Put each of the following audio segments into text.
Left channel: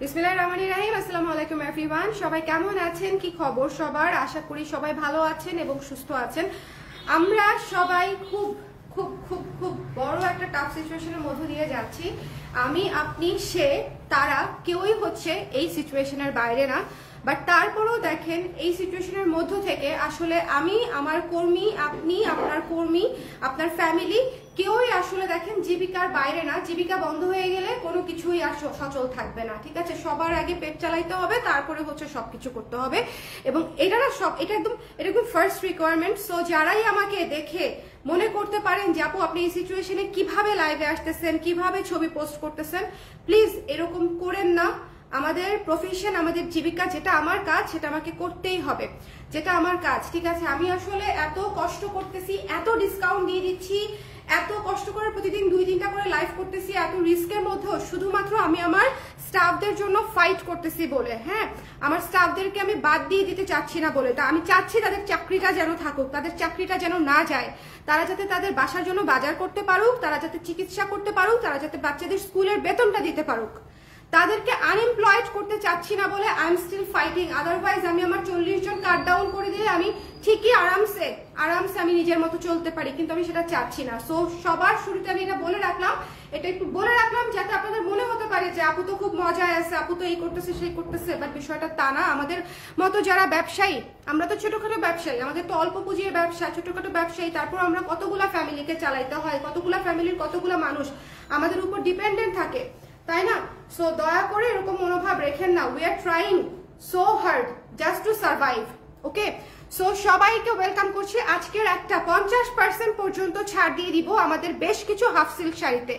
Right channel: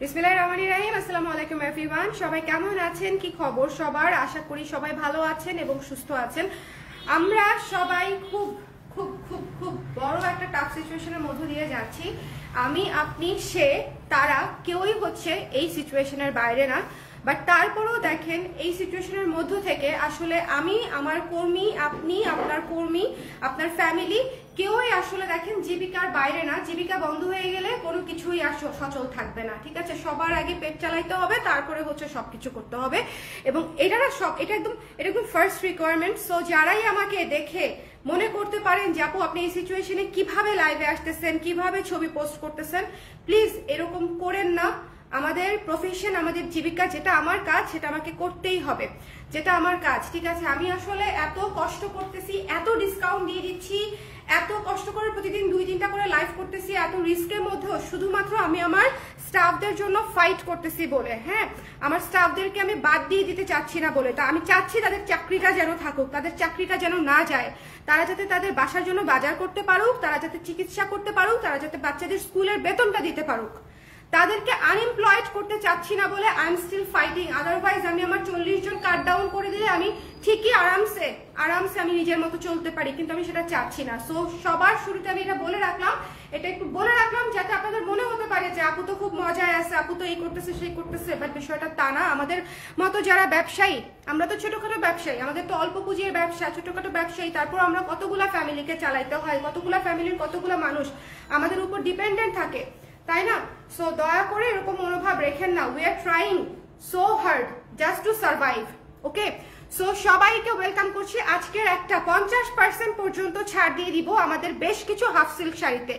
বিসমিল্লাহির রহমানির রহিম। আসসালামু আলাইকুম এভরিওয়ান। সবাই কেমন আছেন, কি খবর সবার? আশা করি সবাই ভালো আছেন এবং সুস্থ আছেন। আমরা সবাই খুব খুব খুব খুব বড় একটা টাফ সিচুয়েশনের মধ্য দিয়ে যাচ্ছি। আমি, আপনি, সে, তারা কেউই হচ্ছে এই সিচুয়েশনের বাইরে না। বাট তারপরেও দেখেন এই সিচুয়েশনের মধ্য থেকে আসলে আমি, আমার কর্মী, আপনি, আপনার কর্মী, আপনার ফ্যামিলি কেউই আসলে দেখেন জীবিকার বাইরে না। জীবিকা বন্ধ হয়ে গেলে কোনো কিছুই আর সচল থাকবে না, ঠিক আছে? সবার আগে পেট চালাইতে হবে, তারপরে হচ্ছে সবকিছু করতে হবে। এবং এটা একদম ফার্স্ট রিকোয়ারমেন্ট। সো যারাই আমাকে দেখে মনে করতে পারেন যে আপু আপনি এই সিচুয়েশনে কিভাবে লাইভে আসতেছেন, কিভাবে ছবি পোস্ট করতেছেন, প্লিজ এরকম করেন না। আমাদের প্রফেশন, আমাদের জীবিকা, যেটা আমার কাজ সেটা আমাকে করতেই হবে, যেটা আমার কাজ, ঠিক আছে? আমি আসলে এত কষ্ট করতেছি, এত ডিসকাউন্ট দিয়ে দিচ্ছি, এত কষ্ট করে প্রতিদিন 2-3টা করে লাইভ করতেছি, এত রিস্কের মধ্যেও শুধুমাত্র আমি আমার স্টাফদের জন্য ফাইট করতেছি বলে, হ্যাঁ, আমার স্টাফদেরকে আমি বাদ দিয়ে দিতে চাচ্ছি না বলে। তা আমি চাচ্ছি তাদের চাকরিটা যেন থাকুক, তাদের চাকরিটা যেন না যায়, তারা যাতে তাদের বাসার জন্য বাজার করতে পারুক, তারা যাতে চিকিৎসা করতে পারুক, তারা যাতে বাচ্চাদের স্কুলের বেতনটা দিতে পারুক। তাদেরকে আনএমপ্লয়েড করতে চাচ্ছি না বলে I am still fighting. Otherwise আমি আমার 40 জন কাট ডাউন করে দিলে আমি ঠিকই আরামসে আমি নিজের মতো চলতে পারি, কিন্তু আমি সেটা চাচ্ছি না। সো সবার শুরুতে আমি এটা বলে রাখলাম, এটা একটু বলে রাখলাম যাতে আপনাদের মনে হতে পারে যে আপু তো খুব মজায় আছে, আপু তো এই করতেছে সেই করতেছে। বাট বিষয়টা তা না। আমাদের মতো যারা ব্যবসায়ী, আমরা তো ছোটখাটো ব্যবসায়ী, আমাদের তো অল্প পুঁজির ব্যবসা, ছোটখাটো ব্যবসায়ী, তারপর আমরা কতগুলা ফ্যামিলিকে চালাইতে হয়, কতগুলা ফ্যামিলির কতগুলা মানুষ আমাদের উপর ডিপেন্ডেন্ট থাকে, তাই না? সো দয়া করে এরকম মনোভাব রেখেন না। We are trying so hard just to survive, okay? So সবাইকে ওয়েলকাম করছি। আজকের একটা 50% পর্যন্ত ছাড় দিয়ে দিব আমাদের বেশ কিছু হাফ সিল্ক শাড়িতে।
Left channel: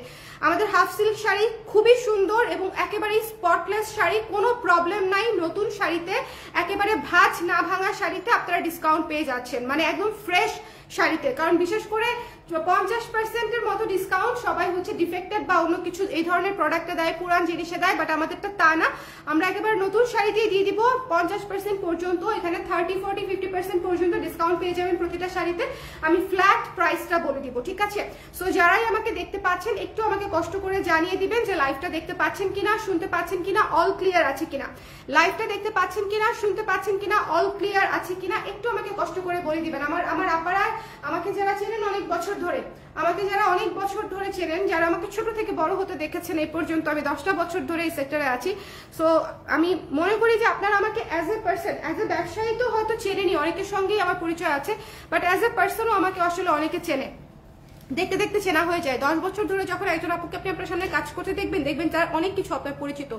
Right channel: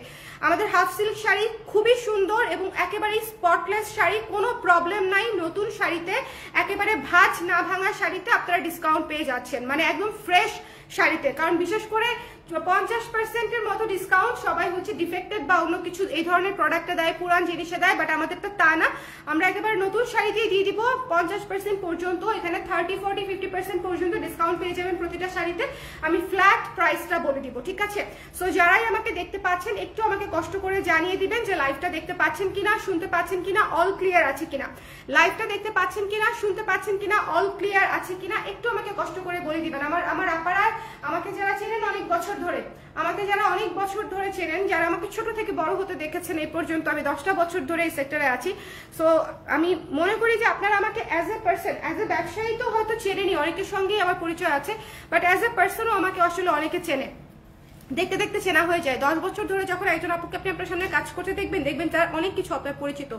আমাদের হাফ সিল্ক শাড়ি খুবই সুন্দর এবং একেবারে স্পটলেস শাড়ি, কোনো প্রবলেম নাই। নতুন শাড়িতে, একেবারে ভাঁজ না ভাঙা শাড়িতে আপনারা ডিসকাউন্ট পেয়ে যাচ্ছেন, মানে একদম ফ্রেশ শাড়িতে। কারণ বিশেষ করে 50%-এর মতো ডিসকাউন্ট সবাই হচ্ছে ডিফেক্টেড বা অন্য কিছু এই ধরনের প্রোডাক্টে দেয়, পুরান জিনিসে দেয়, বাট আমাদেরটা তা না। আমরা একেবারে নতুন শাড়ি দিয়ে দিয়ে দিব 50% পর্যন্ত। এখানে 30, 40, 50% পর্যন্ত ডিসকাউন্ট পেয়ে যাবেন প্রতিটা শাড়িতে। আমি ফ্ল্যাট প্রাইসটা বলে দিব, ঠিক আছে? সো যারাই আমাকে দেখতে পাচ্ছেন একটু আমাকে কষ্ট করে জানিয়ে দিবেন যে লাইভটা দেখতে পাচ্ছেন কিনা, শুনতে পাচ্ছেন কিনা, অল ক্লিয়ার আছে কিনা। লাইভটা দেখতে পাচ্ছেন কিনা, শুনতে পাচ্ছেন কিনা, অল ক্লিয়ার আছে কিনা একটু আমাকে কষ্ট করে বলে দিবেন। আমার আপারা আমাকে যারা চেনেন অনেক বছর ধরে, আমাকে যারা অনেক বছর ধরে চেনেন, যারা আমাকে ছোট থেকে বড় হতে দেখেছেন এই পর্যন্ত, আমি 10টা বছর ধরে এই সেক্টরে আছি। সো আমি মনে করি যে আপনারা আমাকে as a person, as a ব্যবসায়ী তো হয়তো চেনেনি, অনেকের সঙ্গেই আমার পরিচয় আছে, বাট অ্যাজ এ পার্সনও আমাকে আসলে অনেকে চেনে, দেখতে দেখতে চেনা হয়ে যায়। 10 বছর ধরে যখন একজন আপুকে আপনি আপনার সামনে কাজ করতে দেখবেন তার অনেক কিছু আপনার পরিচিত।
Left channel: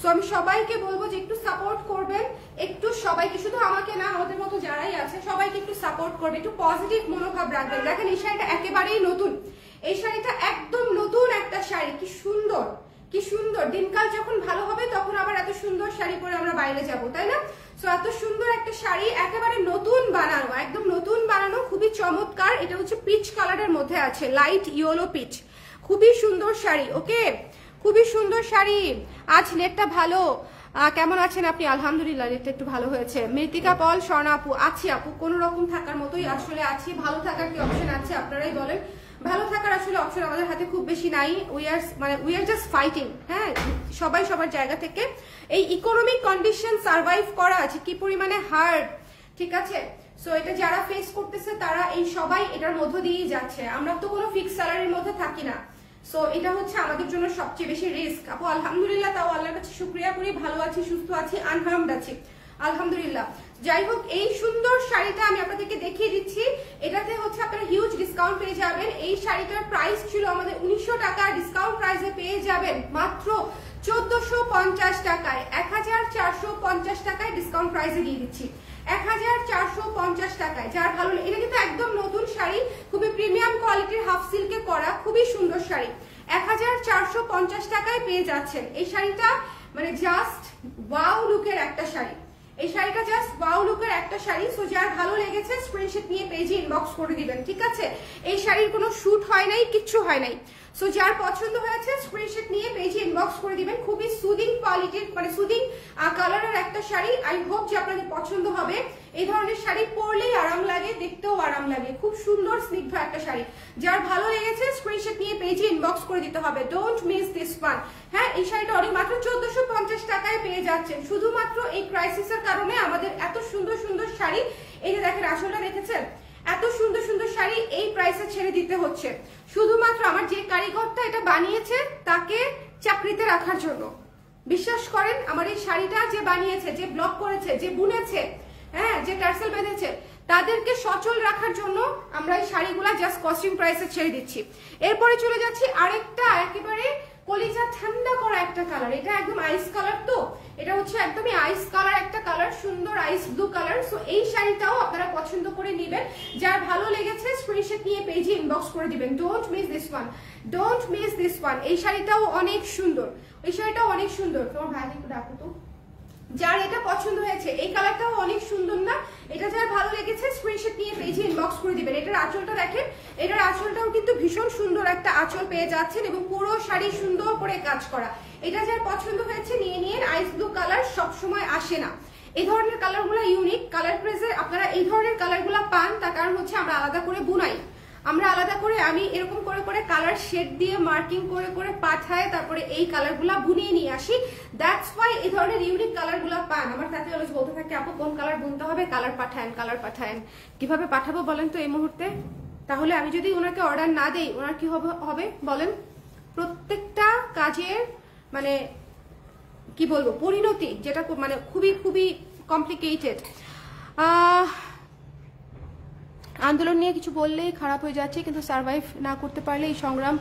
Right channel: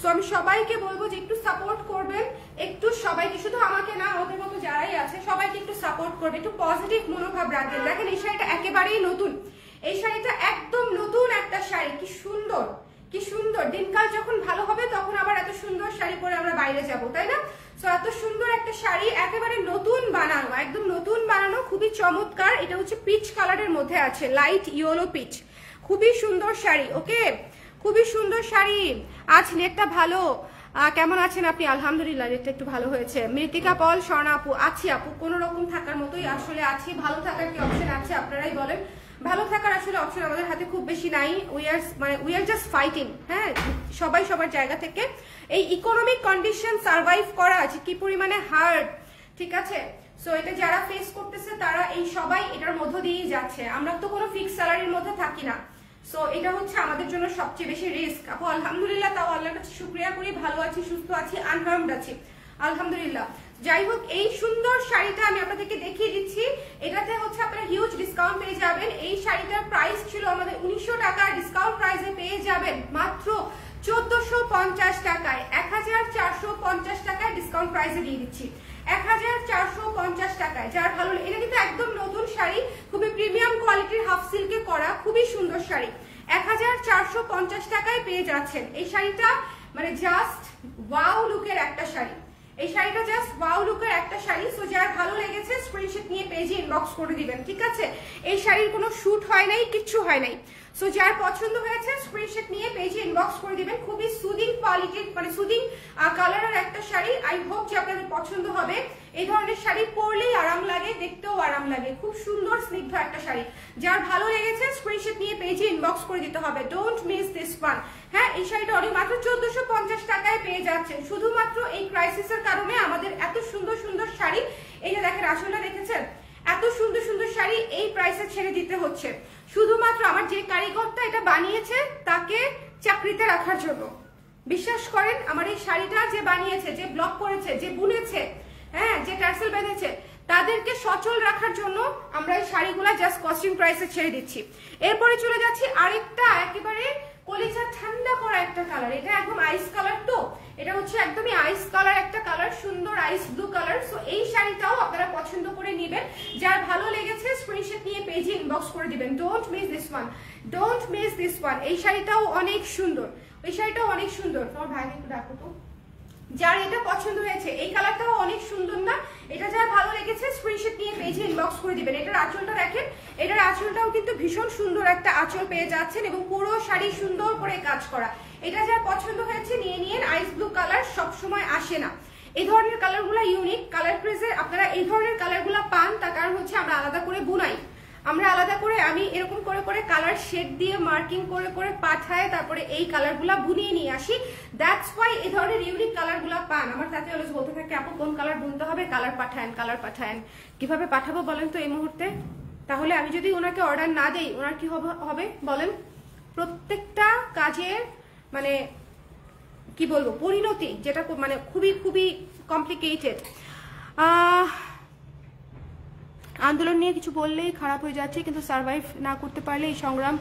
সো আমি সবাইকে বলবো যে একটু সাপোর্ট করবেন, একটু সবাইকে, শুধু আমাকে না, আমাদের মতো যারাই আছে সবাইকে একটু সাপোর্ট করবে, একটু পজিটিভ মনোভাব রাখবেন। দেখেন এই শাড়িটা একেবারেই নতুন, এই শাড়িটা একদম নতুন একটা শাড়ি। কি সুন্দর, কি সুন্দর। দিনকাল যখন ভালো হবে তখন আবার এত সুন্দর শাড়ি পরে আমরা বাইরে যাব, তাই না? সো এত সুন্দর একটা শাড়ি, একেবারে নতুন বানানো, একদম নতুন বানানো, খুবই চমৎকার। এটা হচ্ছে পিচ কালারের মধ্যে আছে, লাইট ইয়েলো পিচ, খুবই সুন্দর শাড়ি, ওকে? খুবই সুন্দর শাড়ি। আজ নেটটা ভালো, কেমন আছেন আপনি? আলহামদুলিল্লাহ, নেটটা একটু ভালো হয়েছে। মৃতিকা পল, স্বর্ণা আপু, আছি আপু, কোনো রকম থাকার মতোই আসলে আছি। ভালো থাকার কি অপশন আছে আপনারাই বলেন। ভালো থাকার আসলে অপশন আমাদের হাতে খুব বেশি নাই। উই আর জাস্ট ফাইটিং, হ্যাঁ, সবাই সবার জায়গা থেকে। এই ইকোনমিক কন্ডিশন সার্ভাইভ করা আছে কি পরিমাণে হার্ড, ঠিক আছে? সো এটা যারা ফেস করতেছে তারা এই সবাই এটার মধ্য দিয়েই যাচ্ছে। আমরা তো কোনো ফিক্স স্যালারির মধ্যে থাকি না। সো এটা হচ্ছে আমাদের জন্য সবচেয়ে বেশি রিস্ক। আপু আলহামদুলিল্লাহ, তাও আল্লাহর কাছে শুকরিয়া করি, ভালো আছি, সুস্থ আছি, আনহার্মড আছি, আলহামদুলিল্লাহ। যাই হোক, এই সুন্দর শাড়িটা আমি আপনাদেরকে দেখিয়ে দিচ্ছি। এটাতে হচ্ছে আপনারা হিউজ ডিসকাউন্ট পেয়ে যাবেন। এই শাড়িটার প্রাইস ছিল আমাদের 1900 টাকা, ডিসকাউন্ট প্রাইসে পেয়ে যাবেন মাত্র 1450 টাকায়, 1450 টাকায় ডিসকাউন্ট প্রাইসে দিয়ে দিচ্ছি, 1450 টাকায়। যার ভালো, এটা কিন্তু একদম নতুন শাড়ি, খুবই প্রিমিয়াম কোয়ালিটির হাফ সিল্কে করা, খুবই সুন্দর শাড়ি। 1450 টাকায় পেয়ে যাচ্ছেন এই শাড়িটা, মানে জাস্ট ওয়াও লুকের একটা শাড়ি। এই শাড়িটা জাস্ট ওয়াও লুকের একটা শাড়ি। সো যার ভালো লেগেছে স্ক্রিনশট নিয়ে পেজে ইনবক্স করে দিবেন, ঠিক আছে? এই শাড়ির কোনো শুট হয় নাই, কিচ্ছু হয় নাই। সো যার পছন্দ হয়েছে স্ক্রিনশট নিয়ে পেজে ইনবক্স করে দিবেন। খুবই সুদিং কোয়ালিটির, মানে সুদিং কালারের একটা শাড়ি। আই হোপ যে আপনাদের পছন্দ হবে। এই ধরনের শাড়ি পরলেই আরাম লাগে, দেখতেও আরাম লাগে, খুব সুন্দর স্নিগ্ধ একটা শাড়ি। যার ভালো লেগেছে স্ক্রিনশট নিয়ে পেজে ইনবক্স করে দিতে হবে। Don't miss this one. হ্যাঁ, এই শাড়িটা অনেক মাত্র 1450 টাকায় পেয়ে যাচ্ছেন। শুধুমাত্র এই ক্রাইসিসের কারণে আমাদের এত সুন্দর সুন্দর শাড়ি, এই যে দেখেন আসলে দেখেছেন, এত সুন্দর সুন্দর শাড়ি এই প্রাইসে ছেড়ে দিতে হচ্ছে শুধুমাত্র আমার যে কারিগরটা এটা বানিয়েছে তাকে চাকরিতে রাখার জন্য। বিশ্বাস করেন, আমার এই শাড়িটা যে বানিয়েছে, যে ব্লক করেছে, যে বুনেছে, হ্যাঁ, যে টার্সেল বেঁধেছে, তাদেরকে সচল রাখার জন্য আমরা এই শাড়িগুলা জাস্ট কস্টিউম প্রাইসে ছেড়ে দিচ্ছি। এরপরে চলে যাচ্ছি আরেকটা একেবারে কলিজা ঠান্ডা করা একটা কালার। এটা একদম আইস কালার, তো এটা হচ্ছে একদমই আইস কালার একটা কালার, সুন্দর আইস ব্লু কালার। সো এই শাড়িটাও আপনারা পছন্দ করে নেবেন। যার ভালো লেগেছে স্ক্রিনশট নিয়ে পেজে ইনবক্স করে দিবেন। Don't miss this one, don't miss this one. এই শাড়িটাও অনেক সুন্দর, এই শাড়িটাও অনেক সুন্দর। তোমার ভাইকে একটু ডাকো তো। যার এটা পছন্দ হয়েছে, এই কালারটাও অনেক সুন্দর না? এটা যার ভালো লেগেছে স্ক্রিনশট নিয়ে পেজে ইনবক্স করে দিবেন। এটার আঁচলটা দেখেন, এটার আঁচলটাও কিন্তু ভীষণ সুন্দর একটা আঁচল পেয়ে যাচ্ছেন এবং পুরো শাড়ি সুন্দর করে কাজ করা। এটা যার পছন্দ হয়েছে নিয়ে নিন। আইস ব্লু কালার সবসময় আসে না, এই ধরনের কালারগুলো ইউনিক। কালার প্রেসে আপনারা এই ধরনের কালারগুলো পান, তার কারণ হচ্ছে আমরা আলাদা করে বুনাই, আমরা আলাদা করে, আমি এরকম করে করে কালার শেড দিয়ে মার্কিং করে করে পাঠায় তারপরে এই কালারগুলা বুনিয়ে নিয়ে আসি। দ্যাটস ওয়াই এই ধরনের ইউনিক কালারগুলা পান। আমার সাথে অলওয়েজ বলতে থাকে, আপু কোন কালার বুনতে হবে, কালার পাঠান, কালার পাঠান। কিভাবে পাঠাবো বলেন তো এই মুহূর্তে? তাহলে আমি যদি ওনাকে অর্ডার না দেই ওনার কি হবে বলেন? প্রত্যেকটা কাজের মানে কি বলবো পরিণতি, যেটা মানে খুবই খুবই কমপ্লিকেটেড। আন্দোলন নিয়ে কিছু বললেই খারাপ হয়ে যাচ্ছে, কিন্তু সার্ভাইভ না করতে পারলে এই সংগ্রাম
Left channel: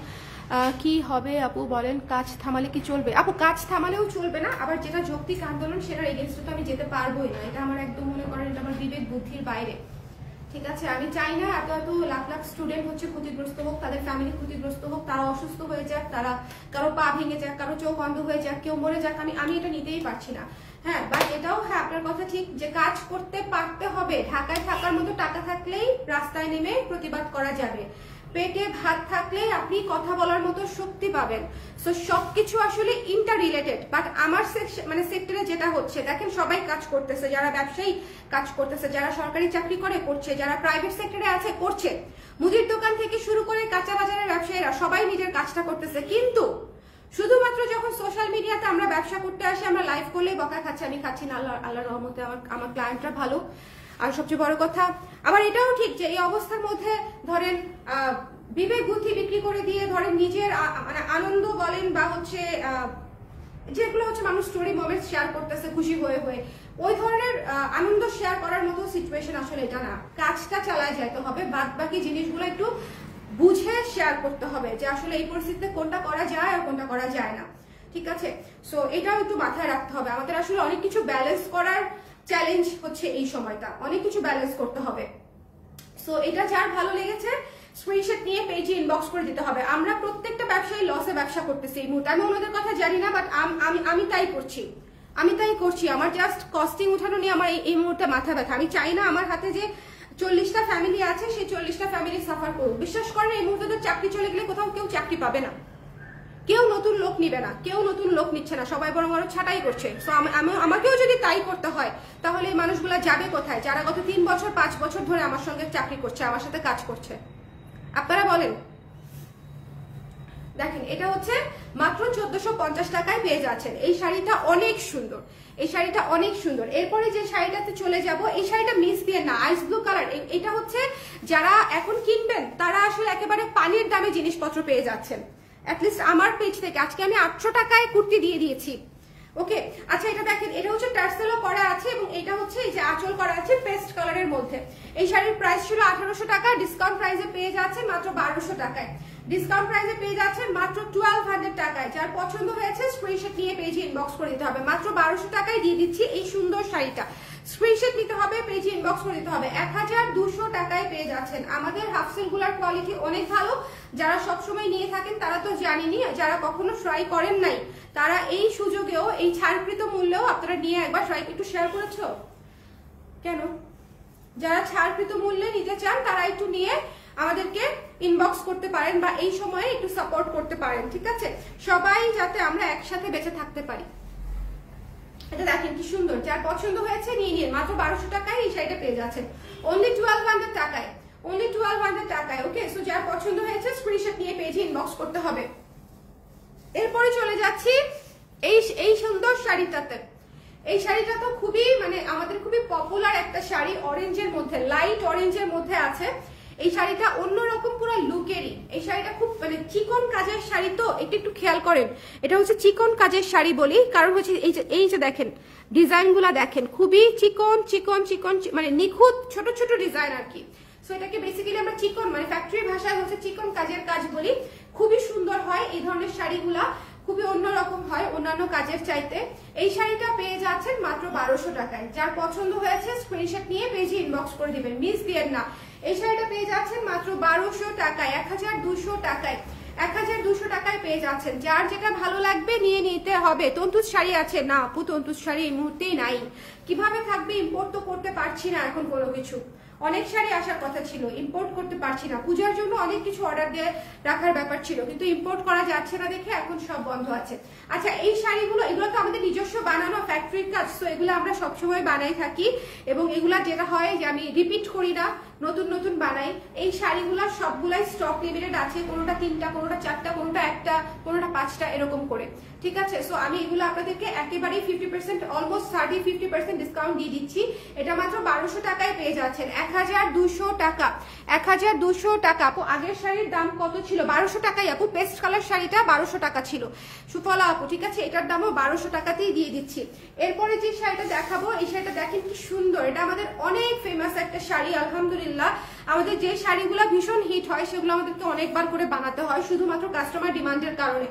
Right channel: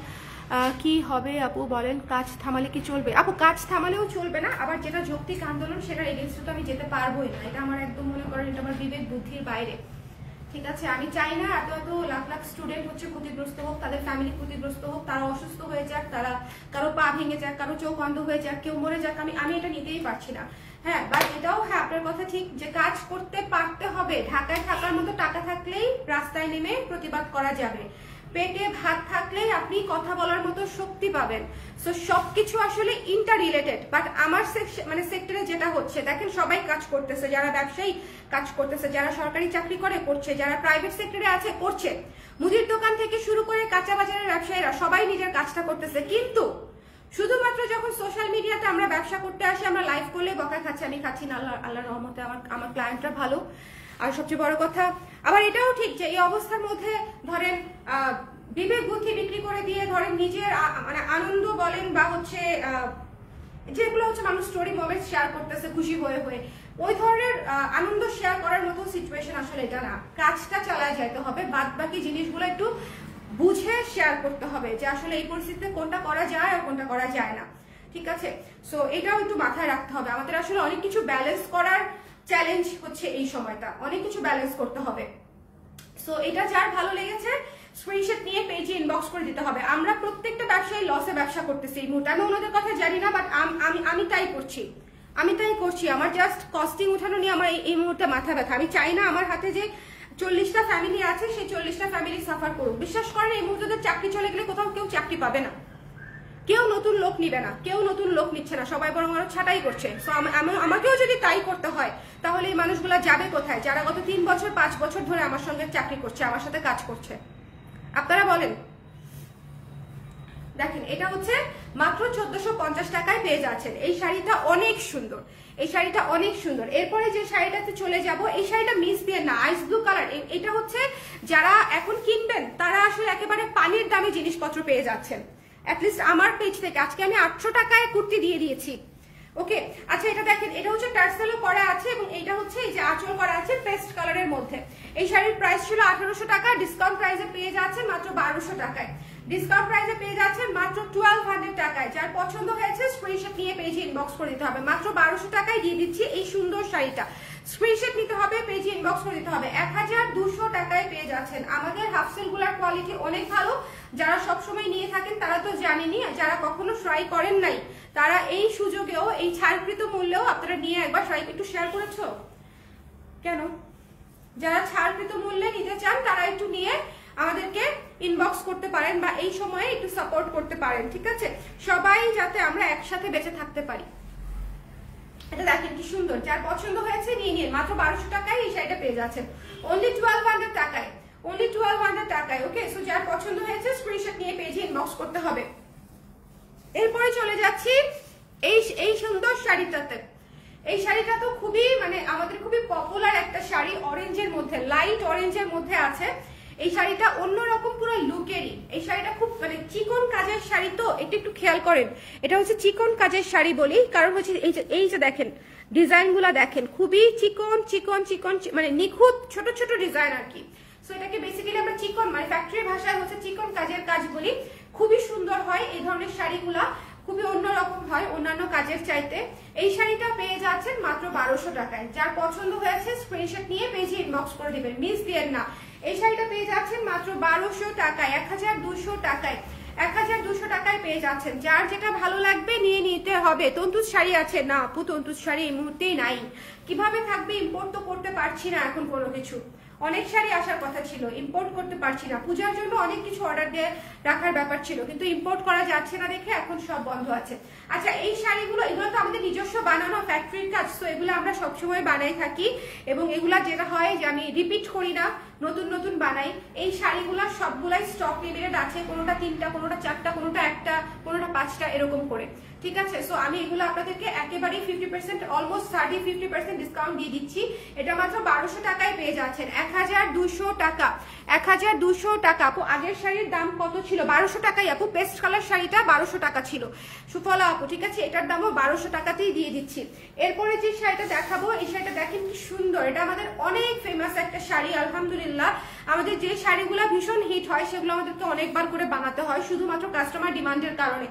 কি হবে আপু বলেন? কাজ থামালে কি চলবে? আপু কাজ থামালেও চলবে না, আবার যেটা যৌক্তিক আন্দোলন সেটার এগেইনস্টে তো আমি যেতে পারবোই না। এটা আমার একদম মনে করেন এটা আমার বিবেক বুদ্ধির বাইরে। ঠিক আছে, আমি চাই না এত এত লাখ লাখ স্টুডেন্ট হচ্ছে ক্ষতিগ্রস্ত হোক, তাদের ফ্যামিলি ক্ষতিগ্রস্ত হোক, তারা অসুস্থ হয়ে যাক, তারা কারো পা ভেঙে যাক, কারো চোখ অন্ধ হয়ে যাক, কেউ মরে যাক। আমি এটা নিতেই পারছি না। হ্যাঁ, বাট এটাও হ্যাঁ আপনার কথা ঠিক যে কাজ করতে পারতে হবে। ঢাকায় থাকার মতো টাকা থাকলেই রাস্তায় নেমে প্রতিবাদ করা যাবে, পেটে ভাত থাকলেই আপনি কথা বলার মতো শক্তি পাবেন। সো সবকিছু আসলে ইন্টার রিলেটেড। বাট আমার সেক্টরে যেটা হচ্ছে দেখেন, সবাই কাজ করতেছে, যারা ব্যবসায়ী কাজ করতেছে, যারা সরকারি চাকরি করে করছে, যারা প্রাইভেট সেক্টরে আছে করছে, মুদির দোকান থেকে শুরু করে কাঁচা বাজারের ব্যবসায়ীরা সবাই নিজের কাজটা করতেছে। কিন্তু শুধুমাত্র যখন সোশ্যাল মিডিয়াতে আমরা ব্যবসা করতে আসি, আমরা লাইভ করলে বকা খাচ্ছি, আমি খাচ্ছি না, আল্লাহর রহমতে আমার ক্লায়েন্টরা ভালো। আর সবচেয়ে বড় কথা, আবার এটাও ঠিক যে এই অবস্থার মধ্যে ধরেন বিবেক বুদ্ধি বিক্রি করে দিয়ে ধরেন নিজের মানে আনন্দ বলেন বা হচ্ছে যেগুলো হচ্ছে মানুষ স্টোরি মোমেন্ট শেয়ার করতেছে খুশি হয়ে হয়ে, ওই ধরনের আনন্দ শেয়ার করার মতো সিচুয়েশন আসলে এটা না। কাজটা চালায় যাইতে হবে, বাদ বাকি জিনিসগুলো একটু বুঝে শেয়ার করতে হবে যে আসলে এই পরিস্থিতিতে কোনটা করা যায় আর কোনটা করা যায় না। ঠিক আছে, সো এটাও একটু মাথায় রাখতে হবে। আমাদের আসলে অনেক কিছু ব্যালেন্স করার চ্যালেঞ্জ হচ্ছে এই সময়টা, অনেক কিছু ব্যালেন্স করতে হবে। সো এটা যার ভালো লেগেছে স্ক্রিনশট নিয়ে পেজে ইনবক্স করে দিতে হবে। আমরা প্রত্যেকটা ব্যবসায়ী লসে ব্যবসা করতেছি এই মুহূর্তে। আমি ওনাদের কথা জানি না, বাট আমি তাই করছি। আমার জাস্ট কস্টিং উঠানো নিয়ে আমার এই মুহূর্তে মাথা ব্যথা। আমি চাই না আমার হাতে যে 40টা ফ্যামিলি আছে সেই 40টা ফ্যামিলি সাফার করুক। বিশ্বাস করেন এই মুহূর্তে তো চাকরি চলে গেলে কোথাও কেউ চাকরি পাবে না, কেউ নতুন লোক নিবে না, কেউ নতুন লোক নিচ্ছে না, সবাই বরং আরো ছাঁটাই করছে। তো আমাকেও যদি তাই করতে হয় তাহলে এই মানুষগুলো যাবে কোথায়, যারা গত 3 বছর 5 বছর ধরে আমার সঙ্গে চাকরি করছে, আমার সাথে কাজ করছে? আপনারা বলেন। দেখেন এটা হচ্ছে মাত্র 1450 টাকায় পেয়ে যাচ্ছেন। এই শাড়িটা অনেক সুন্দর, এই শাড়িটা অনেক সুন্দর। এরপরে যে শাড়িটাতে চলে যাব, এই শাড়িটা মিস দিয়ে না, আইস ব্লু কালার। এটা হচ্ছে যারা এখন কিনবেন তারা আসলে একেবারে পানির দামে জিনিসপত্র পেয়ে যাচ্ছেন। অ্যাটলিস্ট আমার পেজ থেকে আজকে আমি 800 টাকায় কুর্তি দিয়ে দিয়েছি। ওকে, আচ্ছা এটা দেখেন, এটা হচ্ছে টার্সেলও করা আছে এবং এটা হচ্ছে এই যে আঁচল করা আছে পেস্ট কালারের মধ্যে। এই শাড়ির প্রাইস ছিল 1800 টাকা, ডিসকাউন্ট প্রাইসে পেয়ে যাচ্ছেন মাত্র 1200 টাকায়। ডিসকাউন্ট প্রাইসে পেয়ে যাচ্ছেন মাত্র 1200 টাকায়। যার পছন্দ হয়েছে স্ক্রিনশট নিয়ে পেজে ইনবক্স করে দিতে হবে। মাত্র 1200 টাকায় দিয়ে দিচ্ছি এই সুন্দর শাড়িটা। স্ক্রিনশট নিতে হবে, পেজে ইনবক্স করে দিতে হবে। 1200 টাকায় পেয়ে যাচ্ছেন। আমাদের হাফসেল গুলার কোয়ালিটি অনেক ভালো। যারা সবসময় নিয়ে থাকেন তারা তো জানেনই, যারা কখনো ট্রাই করেন নাই তারা এই সুযোগেও এই ছাড়কৃত মূল্যেও আপনারা নিয়ে একবার ট্রাই। একটু শেয়ার করেছো কেন? যারা ছাড়কৃত মূল্যে নিতে চান তারা একটু নিয়ে আমাদেরকে ইনবক্স করতে পারেন বা এই সময়ে একটু সাপোর্ট করতে পারেন। ঠিক আছে, সবাই যাতে আমরা একসাথে বেঁচে থাকতে পারি। এটা দেখেন কি সুন্দর, যার পছন্দ হয়েছে নিয়ে নিন। মাত্র 1200 টাকায় এই শাড়িটা পেয়ে যাচ্ছেন, অনলি 1200 টাকায়, অনলি 1200 টাকায়। ওকে, সো যার পছন্দ হয়েছে স্ক্রিনশট নিয়ে পেজে ইনবক্স করতে হবে। এরপরে চলে যাচ্ছি এই সুন্দর শাড়িটাতে। এই শাড়িটা তো খুবই মানে আমাদের খুবই পপুলার একটা শাড়ি, অরেঞ্জের মধ্যে, লাইট অরেঞ্জের মধ্যে আছে। এই শাড়িটা অন্যরকম পুরো লুকেরই। এই শাড়িটা খুব মানে চিকন কাজের শাড়ি, তো এটা একটু খেয়াল করেন, এটা হচ্ছে চিকন কাজের শাড়ি বলি কারণ হচ্ছে এই যে দেখেন ডিজাইন গুলা দেখেন, খুবই চিকন চিকন চিকন মানে নিখুঁত ছোট ছোট ডিজাইন আর কি। সো এটাকে বেসিক্যালি আমরা চিকন মানে ফ্যাক্টরি ভাষায় হচ্ছে চিকন কাজের কাজ বলি। খুবই সুন্দর হয় এই ধরনের শাড়িগুলা, খুবই অন্যরকম হয় অন্যান্য কাজের চাইতে। এই শাড়িটা পেয়ে যাচ্ছেন মাত্র 1200 টাকায়। যার পছন্দ হয়েছে স্ক্রিনশট নিয়ে পেজে ইনবক্স করে দিবেন, মিস দিয়েন না। এই শাড়িটা পেয়ে যাচ্ছেন মাত্র 1200 টাকায়, 1200 টাকায়, 1200 টাকায় পেয়ে যাচ্ছেন। যার যেটা ভালো লাগবে নিয়ে নিতে হবে। তন্তুজ শাড়ি আছে না আপু? তন্তুজ শাড়ি এই মুহূর্তেই নাই। কিভাবে থাকবে? ইম্পোর্ট তো করতে পারছি না এখন কোনো কিছু। অনেক শাড়ি আসার কথা ছিল, ইম্পোর্ট করতে পারছি না। পূজার জন্য অনেক কিছু অর্ডার দিয়ে রাখার ব্যাপার ছিল, কিন্তু ইম্পোর্ট করা যাচ্ছে না দেখে এখন সব বন্ধ আছে। আচ্ছা, এই শাড়িগুলো এগুলো তো আমাদের নিজস্ব বানানো ফ্যাক্টরির কাজ, তো এগুলো আমরা সবসময় বানাই থাকি এবং এগুলা যেটা হয় যে আমি রিপিট করি না, নতুন নতুন বানাই। এই শাড়িগুলা সবগুলাই স্টক লিমিটেড আছে, কোনোটা 3টা, কোনোটা 4টা, কোনোটা 1টা, কোনোটা 5টা এরকম করে, ঠিক আছে? সো আমি এগুলো আপনাদেরকে একেবারে 50% অলমোস্ট 30-50% ডিসকাউন্ট দিয়ে দিচ্ছি। এটা মাত্র 1200 টাকায় পেয়ে যাচ্ছেন, 1200 টাকা, 1200 টাকা। আপু আগের শাড়ির দাম কত ছিল? 1200 টাকাই আপু। পেস্ট কালার শাড়িটা 1200 টাকা ছিল সুফলা আপু, ঠিক আছে? এটার দামও 1200 টাকাতেই দিয়ে দিচ্ছি। এরপরে যে শাড়িটা দেখাবো, এই শাড়িটা দেখেন কি সুন্দর। এটা আমাদের অনেক ফেমাস একটা শাড়ি আলহামদুলিল্লাহ। আমাদের যে শাড়িগুলো ভীষণ হিট হয় সেগুলো আমাদেরকে অনেকবার করে বানাতে হয় শুধুমাত্র কাস্টমার ডিমান্ডের কারণে।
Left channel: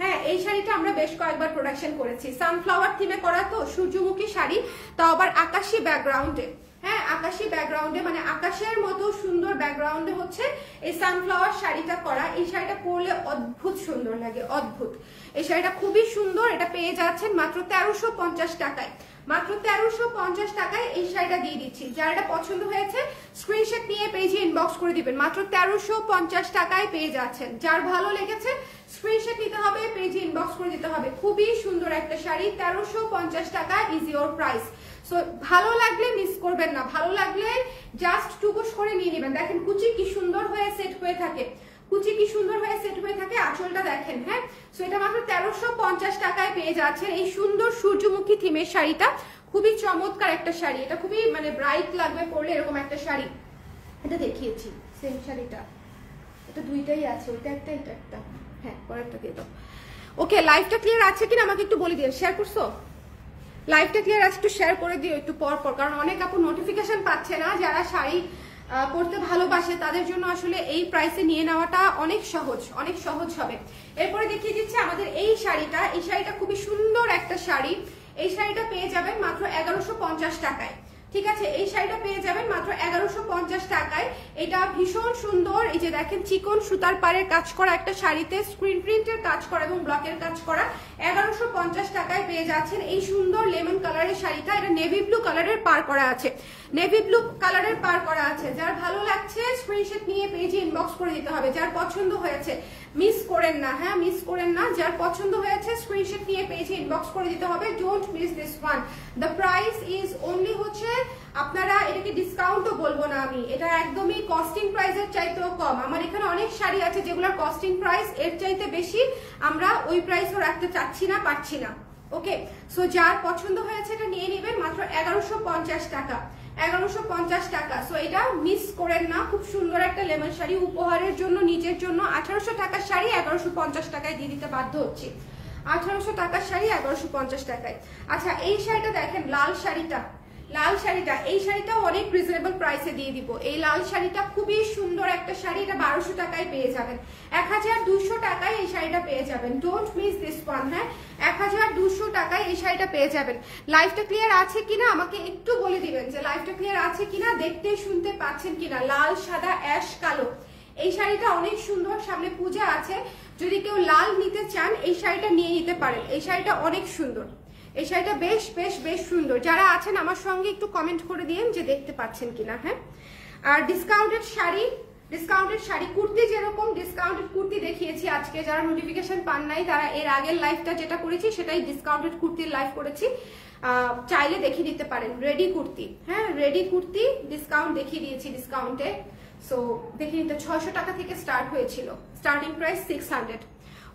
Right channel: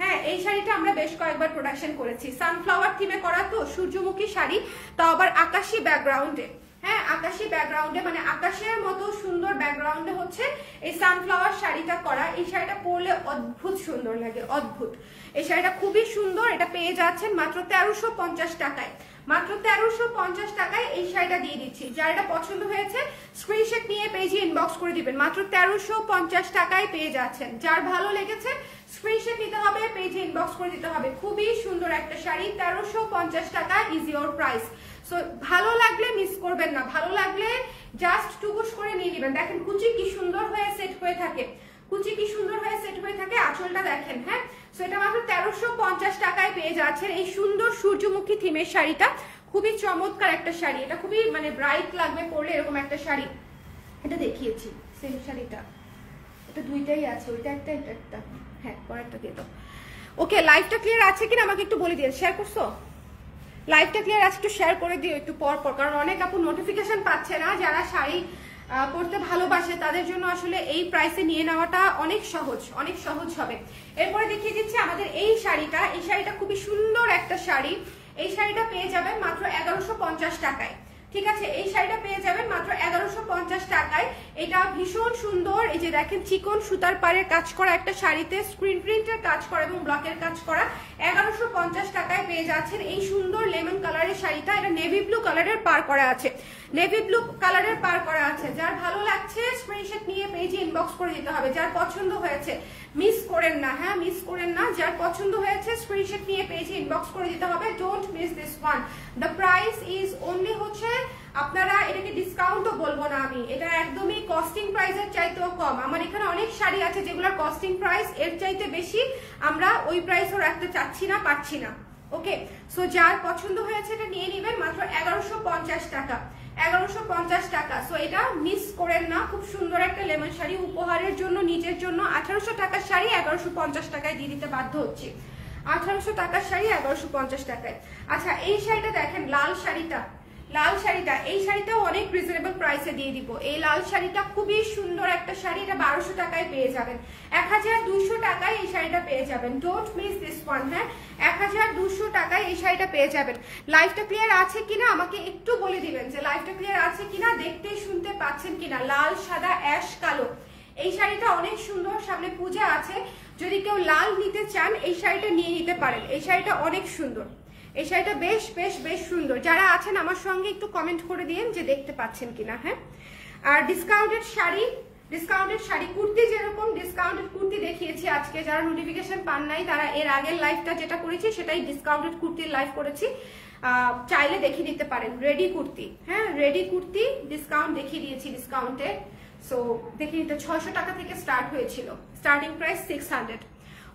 হ্যাঁ, এই শাড়িটা আমরা বেশ কয়েকবার প্রোডাকশন করেছি। সানফ্লাওয়ার থিমে করা, তো সূর্যমুখী শাড়ি, তাও আবার আকাশী ব্যাকগ্রাউন্ডে। হ্যাঁ, আকাশী ব্যাকগ্রাউন্ডে মানে আকাশের মতো সুন্দর ব্যাকগ্রাউন্ডে হচ্ছে এই সানফ্লাওয়ার শাড়িটা করা। এই শাড়িটা পরলে অদ্ভুত সুন্দর লাগে, অদ্ভুত। এই শাড়িটা খুবই সুন্দর। এটা পেয়ে যাচ্ছেন মাত্র 1350 টাকায়, মাত্র 1350 টাকায় এই শাড়িটা দিয়ে দিচ্ছি। যার এটা পছন্দ হয়েছে স্ক্রিনশট নিয়ে পেজে ইনবক্স করে দিবেন। মাত্র 1350 টাকায় পেয়ে যাচ্ছেন। যার ভালো লেগেছে স্ক্রিনশট নিতে হবে, পেজে ইনবক্স করে দিতে হবে। খুবই সুন্দর একটা শাড়ি, 1350 টাকা ইজ ইওর প্রাইস। সো ভালো লাগলে মিস করবেন না, ভালো লাগলে জাস্ট টুকুস করে নিয়ে নেবেন। দেখেন কুচি কি সুন্দর হয়ে সেট হয়ে থাকে, কুচি কি সুন্দর হয়ে সেট হয়ে থাকে। আঁচলটা দেখেন। হ্যাঁ, সো এটা মাত্র 1350 টাকায় পেয়ে যাচ্ছেন এই সুন্দর সূর্যমুখী থিমের শাড়িটা। খুবই চমৎকার একটা শাড়ি, এটা খুবই মানে ব্রাইট লাগবে পরলে এরকম একটা শাড়ি। এটা দেখিয়েছি সেম শাড়িটা, এটা দুইটাই আছে, ওইটা একটা এটা একটা। হ্যাঁ, পরেরটা দিয়ে দাও। ওকে, লাইভটা ক্লিয়ার আছে কিনা আমাকে একটু বলে দিও। শেয়ার করছো? লাইভটা ক্লিয়ার আছে একটু শেয়ার করে দিও একটু পর পর, কারণ অনেক আপু নোটিফিকেশন পাচ্ছে না। যারা শাড়ি পরতে ভালোবাসে তাদের জন্য আসলে এই প্রাইসে নিয়ে নেওয়াটা অনেক সহজ, অনেক সহজ হবে। এরপরে দেখিয়ে দিচ্ছি আমাদের এই শাড়িটা। এই শাড়িটা খুবই সুন্দর একটা শাড়ি। এই শাড়িটা পেয়ে যাবেন মাত্র 1150 টাকায়, ঠিক আছে? এই শাড়িটা পেয়ে যাবেন মাত্র 1150 টাকায়। এটা ভীষণ সুন্দর। এই যে দেখেন চিকন সুতার পাড়ের কাজ করা একটা শাড়িতে স্ক্রিন প্রিন্টের কাজ করা এবং ব্লকের কাজ করা। 1150 টাকায় পেয়ে যাচ্ছেন এই সুন্দর লেমন কালারের শাড়িটা। এটা নেভি ব্লু কালারের পার করা আছে, নেভি ব্লু কালারের পার করা আছে। যার ভালো লাগছে স্ক্রিনশট নিয়ে পেজে ইনবক্স করে দিতে হবে। যার পছন্দ হয়েছে মিস করেন না, হ্যাঁ মিস করেন না। যার পছন্দ হয়েছে স্ক্রিনশট নিয়ে পেজে ইনবক্স করে দিতে হবে। Don't miss this one. The price is only হচ্ছে, আপনারা এটাকে ডিসকাউন্টও বলবো না আমি, এটা একদমই কস্টিং প্রাইসের চাইতেও কম। আমার এখানে অনেক শাড়ি আছে যেগুলোর কস্টিং প্রাইস এর চাইতে বেশি, আমরা ওই প্রাইসও রাখতে চাচ্ছি না, পারছি না। ওকে, সো যার পছন্দ হয়েছে এটা নিয়ে নেবেন মাত্র 1150 টাকা, 1150 টাকা। সো এটা মিস করেন না। খুব সুন্দর একটা লেমন শাড়ি উপহারের জন্য, নিজের জন্য। 1800 টাকার শাড়ি 1150 টাকায় দিয়ে দিতে বাধ্য হচ্ছি। 1800 টাকার শাড়ি 1150 টাকায়। আচ্ছা, এই শাড়িটা দেখেন, লাল শাড়িটা, লাল শাড়িটা, এই শাড়িটাও অনেক রিজনেবল প্রাইসে দিয়ে দিব। এই লাল শাড়িটা খুবই সুন্দর একটা শাড়ি, এটা 1200 টাকায় পেয়ে যাবেন। 1200 টাকায় এই শাড়িটা পেয়ে যাবেন। Don't miss this one. হ্যাঁ, 1200 টাকায় এই শাড়িটা পেয়ে যাবেন। লাইভটা ক্লিয়ার আছে কিনা আমাকে একটু বলে দিবেন যে লাইভটা ক্লিয়ার আছে কিনা, দেখতে শুনতে পাচ্ছেন কিনা। লাল, সাদা, অ্যাশ কালো, এই শাড়িটা অনেক সুন্দর। সামনে পূজা আছে, যদি কেউ লাল নিতে চান এই শাড়িটা নিয়ে নিতে পারেন। এই শাড়িটা অনেক সুন্দর, এই শাড়িটা বেশ বেশ বেশ সুন্দর। যারা আছেন আমার সঙ্গে একটু কমেন্ট করে দিন যে দেখতে পাচ্ছেন কিনা। হ্যাঁ, আর ডিসকাউন্টেড শাড়ি, ডিসকাউন্টেড শাড়ি কুর্তি, যেরকম ডিসকাউন্টেড কুর্তি দেখিয়েছি আজকে, যারা নোটিফিকেশন পান নাই তারা এর আগের লাইভটা যেটা করেছি সেটাই ডিসকাউন্টেড কুর্তির লাইভ করেছি, চাইলে দেখিয়ে দিতে পারেন। রেডি কুর্তি, হ্যাঁ রেডি কুর্তি ডিসকাউন্ট দেখিয়ে দিয়েছি ডিসকাউন্টে। সো দেখিয়ে দিতে 600 টাকা থেকে স্টার্ট হয়েছিল, স্টার্টিং প্রাইস 600।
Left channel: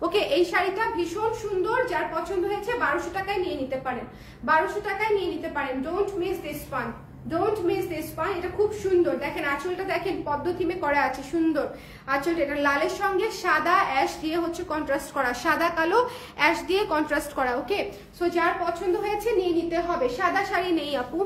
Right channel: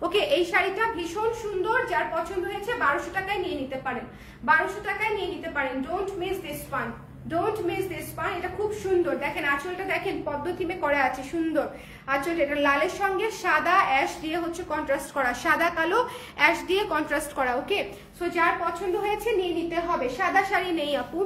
ওকে, এই শাড়িটা ভীষণ সুন্দর, যার পছন্দ হয়েছে 1200 টাকায় নিয়ে নিতে পারেন, 1200 টাকায় নিয়ে নিতে পারেন। Don't miss this one, don't miss this one. এটা খুব সুন্দর, দেখেন আঁচলটা দেখেন পদ্ম থিমে করা আছে, সুন্দর আঁচল। এটা লালের সঙ্গে সাদা অ্যাশ দিয়ে হচ্ছে কন্ট্রাস্ট করা, সাদা কালো অ্যাশ দিয়ে কন্ট্রাস্ট করা। ওকে, সো যার পছন্দ হয়েছে নিয়ে নিতে হবে। সাদা শাড়ি নেই আপু,